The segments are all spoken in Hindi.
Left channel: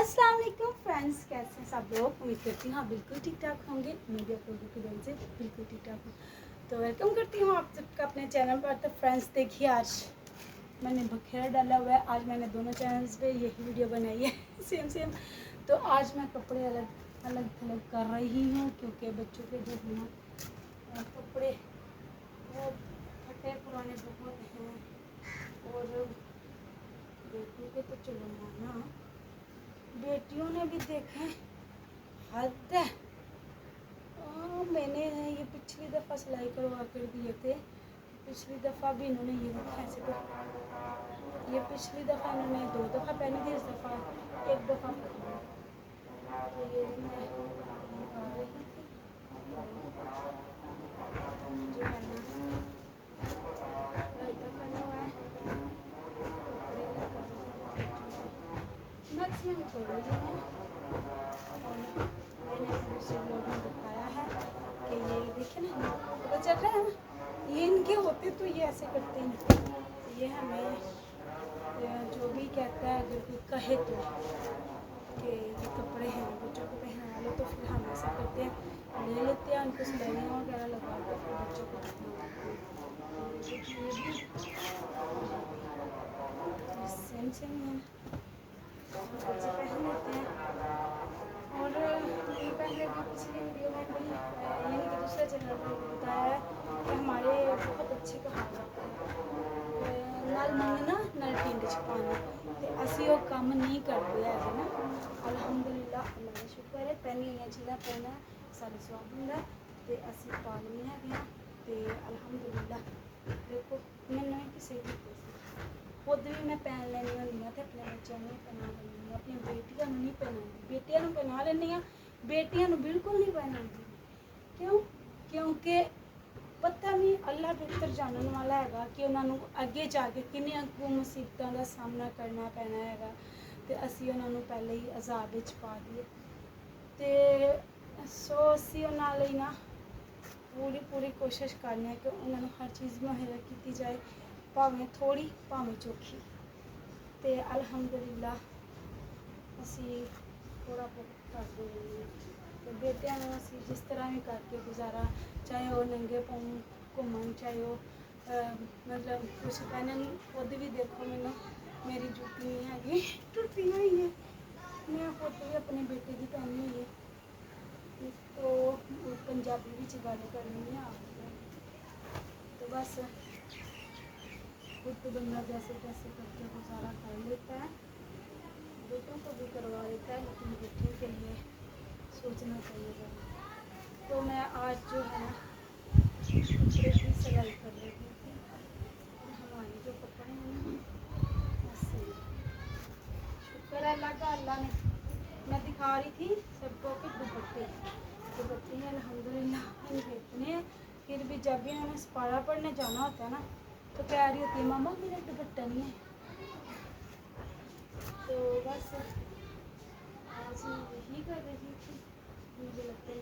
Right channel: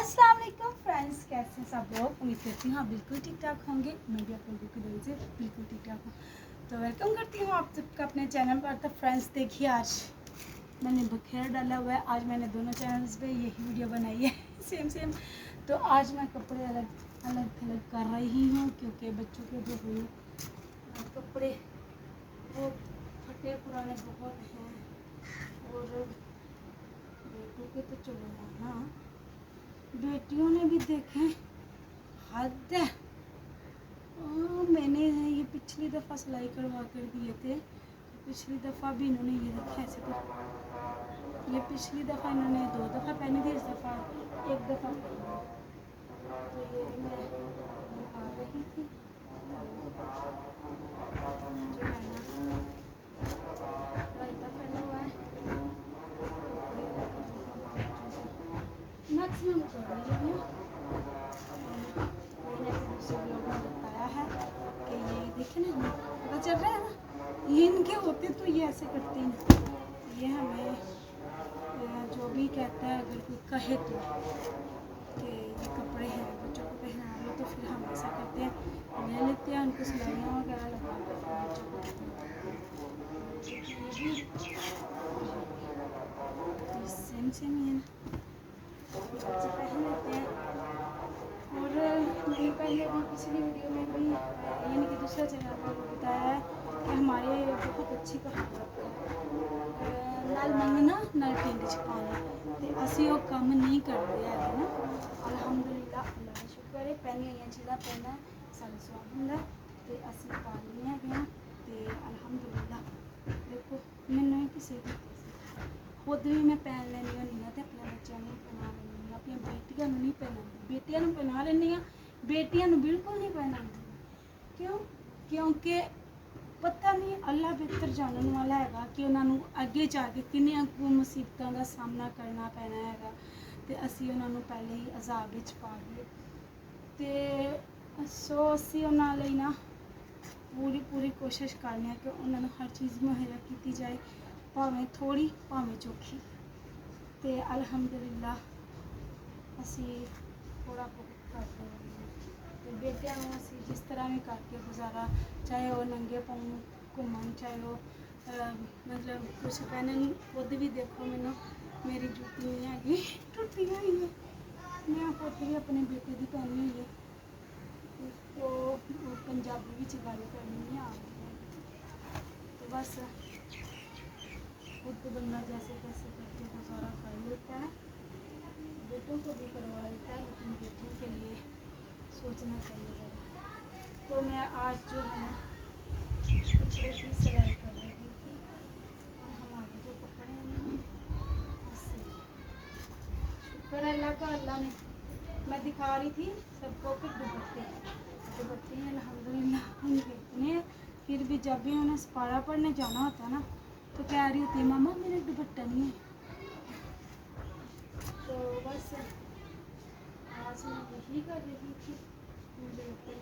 अस्सलाम वालेकुम फ्रेंड्स, कैसे हैं सब लोग। उम्मीद करती हूँ हाँ बिल्कुल ठीक ठाक होंगे। मैं भी आप लोगों की दुआ से बिल्कुल ठीक ठाक हूँ। तो वेलकम करती हूँ आप सबका अपने चैनल पर। तो फ्रेंड्स देखिए, आज मैंने बखेरा डाला हुआ है। आज मैंने दोनों चैनल्स पे यही वीडियो बनाई है सेम सेम। तो आज मैं कपड़े अलग अलग थलग कर रही हूँ, क्योंकि बच्चों के जो है ना कपड़े वो फटे पुराने बहुत हैं, और बेटों के तो चलो माना, बेटियों ने भी देखें हद है। मैंने ये पिछली दफ़ा सिलाई करवा कर दिए थे। पिछली दफ़ा भी इन्होंने ये देखे ऐसे, तो ये पिछली दफ़ा इन्होंने 2 दफ़ा पहनी थी, इस दफ़ा 1 दफ़ा पहनी। तो ये मैं निकाल रही थी, जो है ना रायता करना हुआ है, कपड़े मैक्सिमम कर रही हूँ। मैंने अपने दूसरे ब्लॉग में बताया है कि ये देखे ना, पता चल रहा है ना, ये इनके होते तो ये ऐसे करते हैं। ये हमें जो भी कहता है, अगर कोई कहे तो कि ये कपड़े हैं बच्चों को पहना लो, तो फिर हम ऐसा करते हैं, ले लेते हैं उनको सिलाइयाँ वगैरह लगा कर फिर बच्चों को पहनाते हैं। ये सेम सेम ही है ना, बच्चे पहन लेते हैं। और मैंने पहले भी पिछली वीडियो में भी यानी कि दूसरे चैनल पर बताया है कि हमारे बहुत अच्छी कहावत है, नल मंगना नल पिंड च पानी। तो असी वो काम नहीं करते है ना। अलहमदुलिल्लाह, अल्लाह का शुक्र है, पहनिया हुई चीज़ां पहनना साढ़े स्वाब होंगे, तो असी पा लैने हैं। तो अलहमदुलिल्लाह देखो, मैंने किसी की खुद भी मैं पहन लैनी होनी हाँ, तो अपने बच्चों को पहना लैनी, अपनी बेटियों को नहीं पहनाती। बेटियों को पहना लैनी हाँ, बेटियों को बिल्कुल नहीं पहनाती। क्यों? क्योंकि पता नहीं, अल्लाह बेहतर जानने वाला है कि उन्होंने अगे जाके किन्नियां मुसीबतों का सामना करना पैना है, तो असी उन्होंने पहले ही अजाब विच पा दिए। तो सो असी उन्होंने ना पूरी कोशिश करने कि उन्होंने हर चीज़ मुहैया की जाए, भावें थोड़ी भावें चौखी। तो अलहमदुलिल्लाह असी थोड़ा बहुत करते हैं। तो बेटियां को असी जिस तरह भी करके गुजारा, चाहे वो नंगे पाँव घूमन, चाहे वो मतलब कुछ पहनन। खुद भी देखो, मैनू मेरी जूती नहीं हैगी, टुटी हुई है। मैं खुद भी अपने बेटे की पहनी हुई है। तो पंजाबी भी गल करनी है आ, तो बस खुद बंदा जैसे तैसे करके गुजारा कर लेता है। बेटों को भी करवा लेता है, लेकिन बेटियों के लिए सोचना चाहिए ज़रा। तो मैं आज जो है ना कपड़े की सिलाई कर रही थी, और हमारे जो कपड़े हैं ना ऐसे, शुक्र है अल्लाह का, अल्लाह ने, मैं दिखा रही थी सबको कि दुपट्टे हैं अल्हम्दुलिल्लाह इनके इतने। फिर भी जब भी उन्हें सपारा पढ़ने जाना होता है ना, तो कह रही होती है मामा मेरा दुपट्टा नहीं है। तो बस आज मैं यही कर रही थी, मुझे लगता है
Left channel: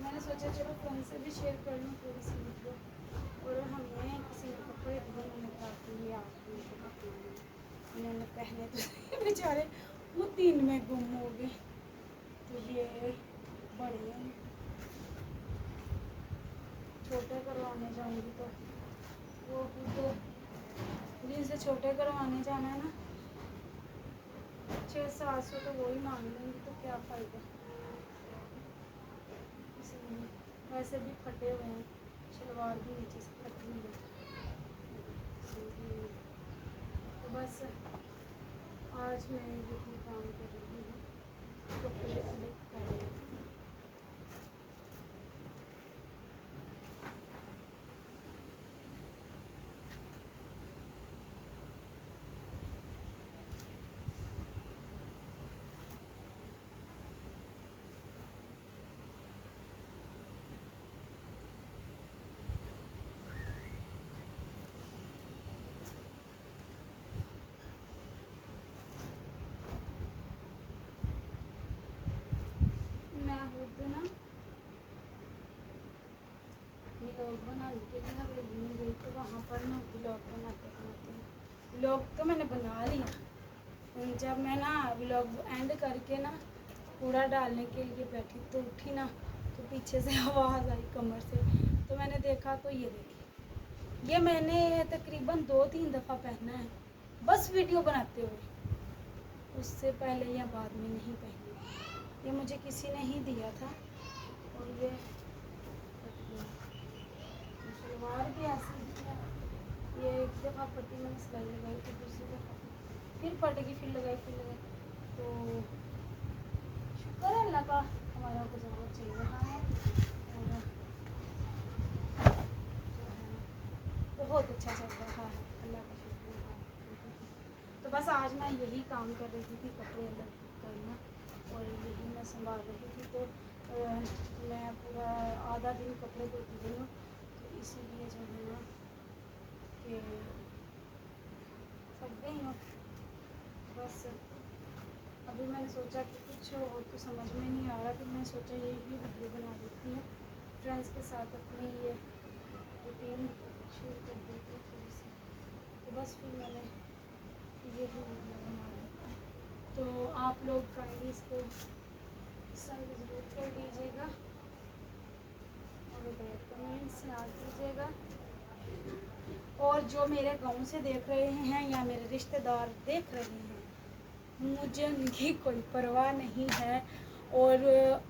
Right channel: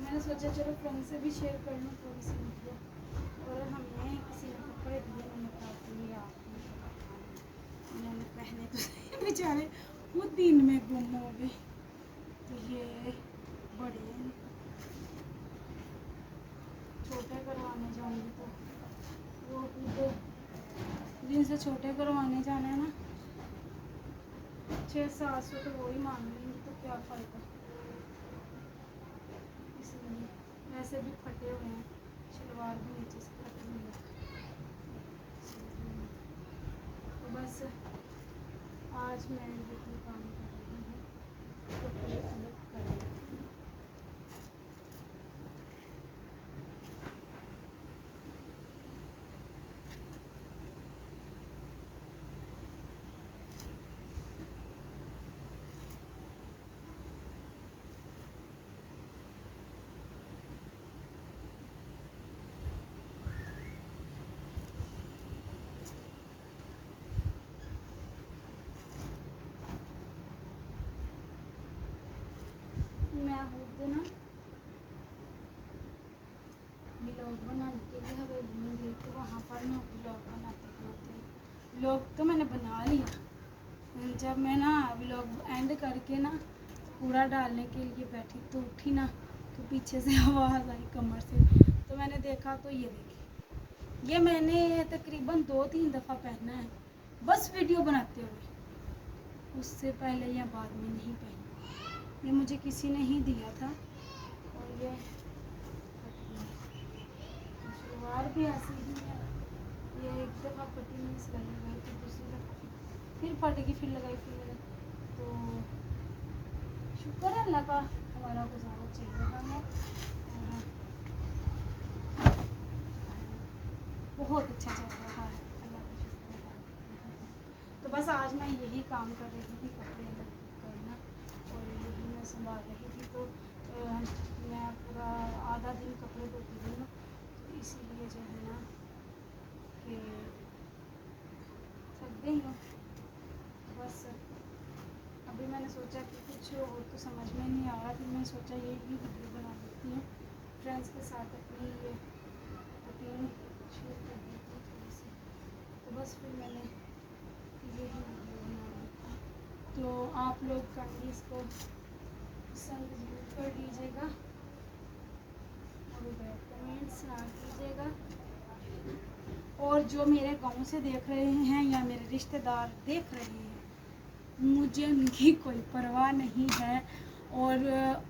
मैंने सोचा चलो फ्रेंड से भी शेयर कर लूँ थोड़ी सी वीडियो। और हमें किसी ने कपड़े दिए, मैंने कहा कि आप उन्होंने पहने तो बेचारे खुद दिन में गुम हो गए। तो ये बड़े हैं, छोटे करवाने जाऊंगी तो वो खुद जिनसे छोटे करवाने जाना है ना 600-700 तो वो ही मांग लेंगी, तो क्या फ़ायदा। इसलिए वैसे भी फटे हुए हैं, शलवार भी नीचे से फटी हुई है। तो बस आज मैं यही काम कर रही हूँ, कपड़े अलग कर रही हूँ। मैं खुद ना ब्लॉग बनाने के लिए हवेली में गई, तो वहाँ पर ना ब्लॉग बनाते बनाते व्लॉग तो मैंने बना लिया। जब मैं ना व्लॉग एंड करके ना कूड़ा डालने के लिए बैठी तो उठी ना, तो पीछे से आवाज़ आई कमर से, तो मैंने देखा तो ये देखी, ये मैंने तकरीबन 2-3 दफ़ा पहना है बस वीडियो बनाते हुए, उससे पहले या बाद में नहीं पहनी। ये मुझे किसी ने ही दिया था और ये सलवार भी ऐसी ही है। ये एक दफ़ा पट्टी मैंने सिलाई लगाई तो दूसरी दफ़ा फिर फटेगी, फिर लगाई तो शुक्र है अल्लाह का, हमारा गुजारा चल रहा है। बहुत अच्छा चल रहा है, अल्लाह का शुक्र है। तो बस आज मैं यही काम कर रही थी, कपड़े अलग करना और यही मैं संभाल रही थी। तो मैं पूरा आधा दिन कपड़े धोती रही हूँ, तो इसीलिए जो है ना कि थक गई हूँ। बस अभी मैंने सोचा कि कुछ और तो समझ में नहीं आ रहा, फिर मैंने सोचा यही वीडियो बना देती हूँ फ्रेंड्स के साथ, अपनी ये रूटीन शुरू कर दी थी थोड़ी सी, तो बस फिर मैंने ये भी वीडियो बना दी। तो आप लोग काइंडली इसको पसंद जरूर कर दीजिएगा और बैड कमेंट्स ना कीजिएगा। और जो मेरे गांव से देख रहे हैं या मेरे रिश्तेदार देख रहे हैं, मुझे उनकी कोई परवाह नहीं है। और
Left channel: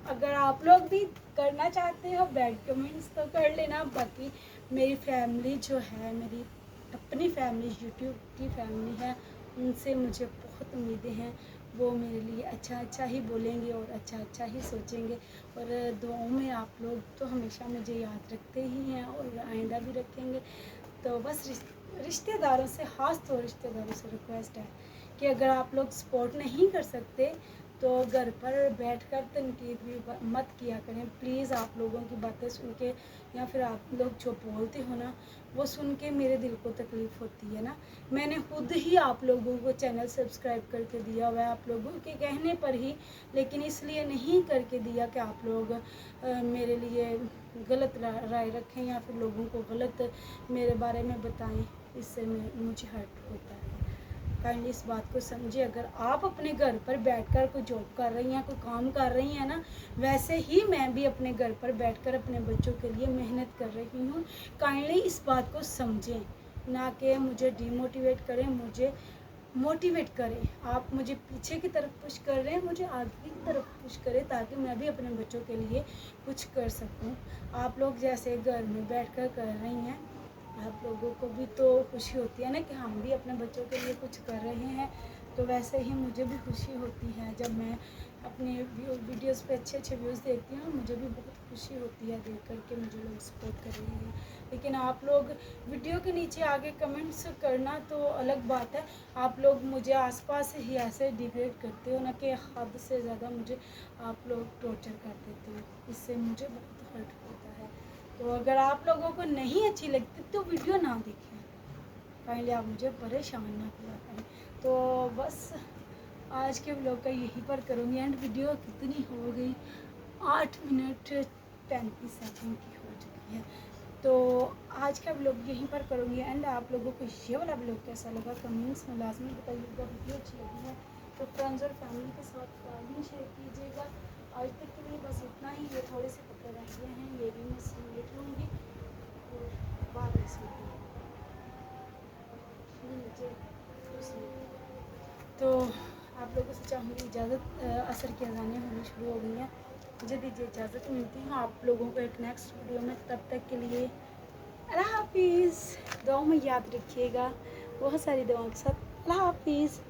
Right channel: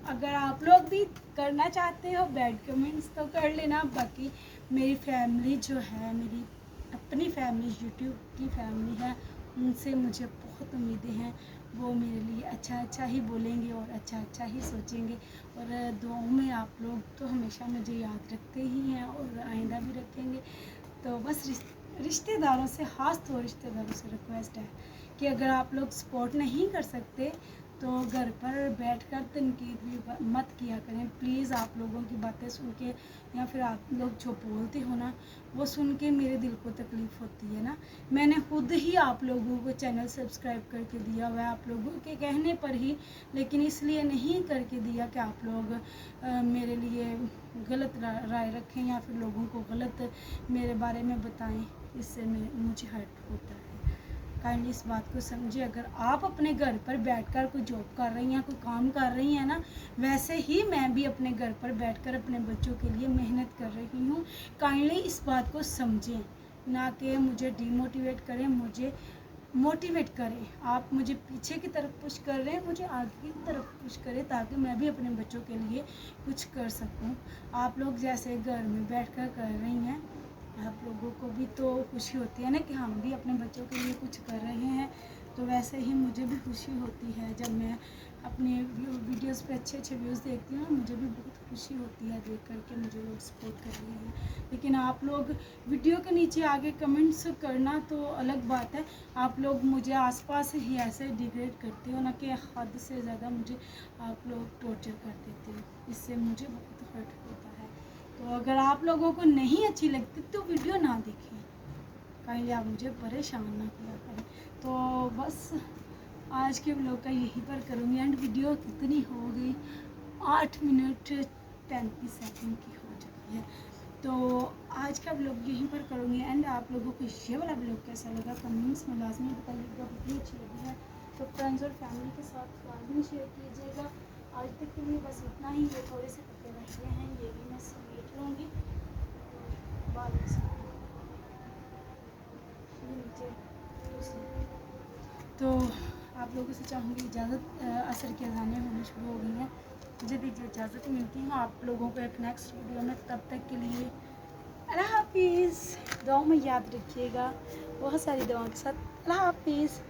अगर आप लोग भी करना चाहते हो बैड कमेंट्स तो कर लेना। बाकी मेरी फैमिली जो है, मेरी अपनी फैमिली, यूट्यूब की फैमिली है, उनसे मुझे बहुत उम्मीदें हैं। वो मेरे लिए अच्छा अच्छा ही बोलेंगे और अच्छा अच्छा ही सोचेंगे। और दुआओं में आप लोग तो हमेशा मुझे याद रखते ही हैं और आइंदा भी रखेंगे। तो बस रिश्तेदारों से, ख़ास तौर रिश्तेदारों से रिक्वेस्ट है कि अगर आप लोग सपोर्ट नहीं कर सकते तो घर पर बैठकर तनकीद भी मत किया करें प्लीज़। आप लोगों की बातें सुन के या फिर आप लोग जो बोलते हो ना, वो सुन के मेरे दिल को तकलीफ़ होती है ना। मैंने खुद ही आप लोगों को चैनल सब्सक्राइब करके दिया हुआ है, आप लोगों के कहने पर ही, लेकिन इसलिए नहीं करके दिया कि आप लोग मेरे लिए गलत राय रखें या फिर लोगों को गलत मेरे बारे में बताएं। इससे मुझे हर्ट होता है। काइंडली इस बात को समझिए। अगर आप अपने घर पर बैठकर कोई जॉब कर रही हैं, कोई काम कर रही हैं ना, वैसे ही मैं भी अपने घर पर बैठकर अपने बच्चों के लिए मेहनत कर रही हूँ। काइंडली इस बात को समझें, ना कि मुझे डिमोटिवेट करें, मुझे मोटिवेट करें। आप मुझे पीछे की तरफ पुश कर रहे हैं, मुझे आगे की तरफ पुश करें ताकि मैं भी अपने बच्चों के लिए कुछ कर सकूं। आप लोग जैसे घर में बैठकर कर रही हैं, आप लोगों को भी तो खुशी होती है ना कि हम भी अपने बच्चों के लिए कुछ कर रहे हैं। तो वैसे ही मुझे भी खुशी होती है जब मैं अपने वीडियोस पे अच्छे अच्छे व्यूज़ देखती हूँ, मुझे भी बहुत खुशी होती है देख कर के मुझे लोग सपोर्ट कर रहे हैं। लेकिन आप लोग वीडियो के नीचे आगे कमेंट्स करना तो अलग बात है, आप लोग मुझे आसपास ही ऐसे डिग्रेड करते हो ना कि हद से ज़्यादा मुझे आप लोग टॉर्चर कर देते हो, इससे मुझे बहुत हर्ट होता है। तो अगर आप लोगों को नहीं अच्छी लगती तो वीडियो ना देखें, काइंडली आप मुझे परेशान ना किया करें। तो बस आज के व्लॉग का यहीं पर करूँगी एंड। वीडियो कितनी हो गई, 8 मिनट 35 सेकंड की हो चुकी है। तो आज का व्लॉग यहीं पर करूँगी एंड। आप लोगों को ये वाला व्लॉग कैसा लगा कमेंट्स में लाजमी बताइएगा। वीडियो अच्छी लगी है तो फ्रेंड्स और फैमिली के साथ लाजमी शेयर कीजिएगा। आज तक के लिए बस इतना ही। ये थोड़े से कपड़े रह गए हैं, ये भी मैं समेट लूँगी और बाद में नीचे। तो आप लोगों से चाहूँगी इजाज़त। असर की अज़ानें होनी शुरू हो गई हैं, मुझे दीजिए इजाज़त। मिलती हूँ आप लोगों को एक नेक्स्ट वीडियो में, तब तक के लिए अल्लाह हाफिज़। दुआओं में याद रखिएगा, बहुत सारी दुआओं के साथ। अल्लाह हाफिज़।